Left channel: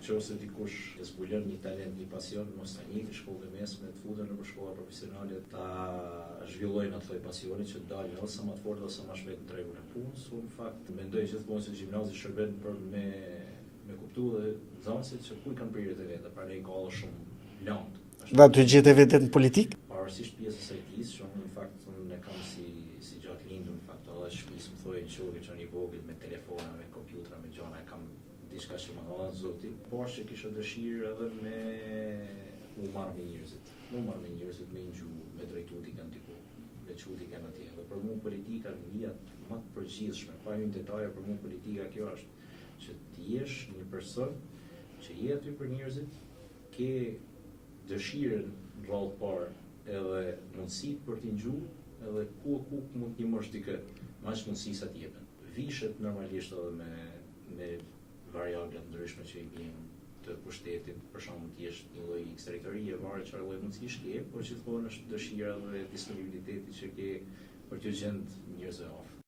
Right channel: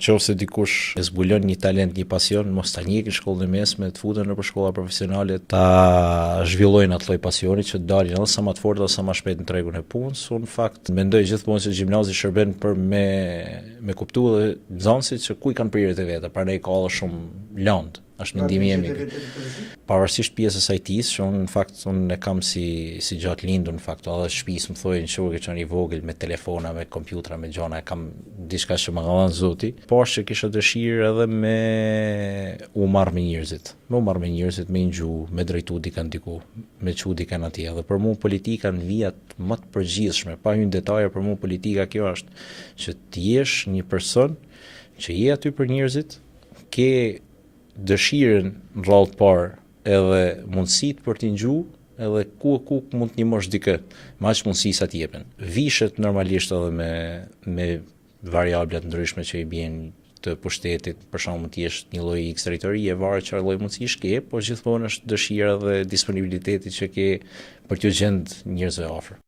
Nëse dikush e zbulon një talent, një pasion, mos ta njeh në shkollën e mesme, të futen nëpër shkolla profesionale, ta zhvillojnë atë lloj pasioni që të dalin edhe sa më të fortë ose sa më shpejt në tregun e punës. Unë në fakt mendoj gjithmonë se gjimnazi shërben për me kuptuar edhe nxënësit se ku i kanë prirjet e veta, prandaj ka edhe shumë lëndë. Da të gjetë veten në politikë? Pavarësisht pjesës së IT-s, që unë në fakt unë e kam si gjatë lindur në fakt, edhe shtëpisë më thojnë që ke qenë i vogël me telefona, me kompjutra, me gjona, e kam diçka që më ka dhënë Zoti, por që kisha dëshirë edhe me u marr me njerëzit. Me ngju, me drejtu dikën diku, me çu dikën atje. Dhe për mua politika në vijat më të përgjithshme, pa hyrë në detaje, për mua politika kjo është që të jesh një person që je aty për njerëzit, ke dëshirën në rrallë të parë edhe mundësitë për t'i ngju, edhe ku mund të ndihmosh dikë, me aq mundësi sa t'jepen. Vishet normalisht edhe me variabla të ndryshme që i bien të pushtetit, për shembull të jesh një lloj X territorie, varet çfarë lloj mundësish ke, por gjithmonë është dëshira dhe disponibiliteti që ke për t'u gjend njerëzve afër.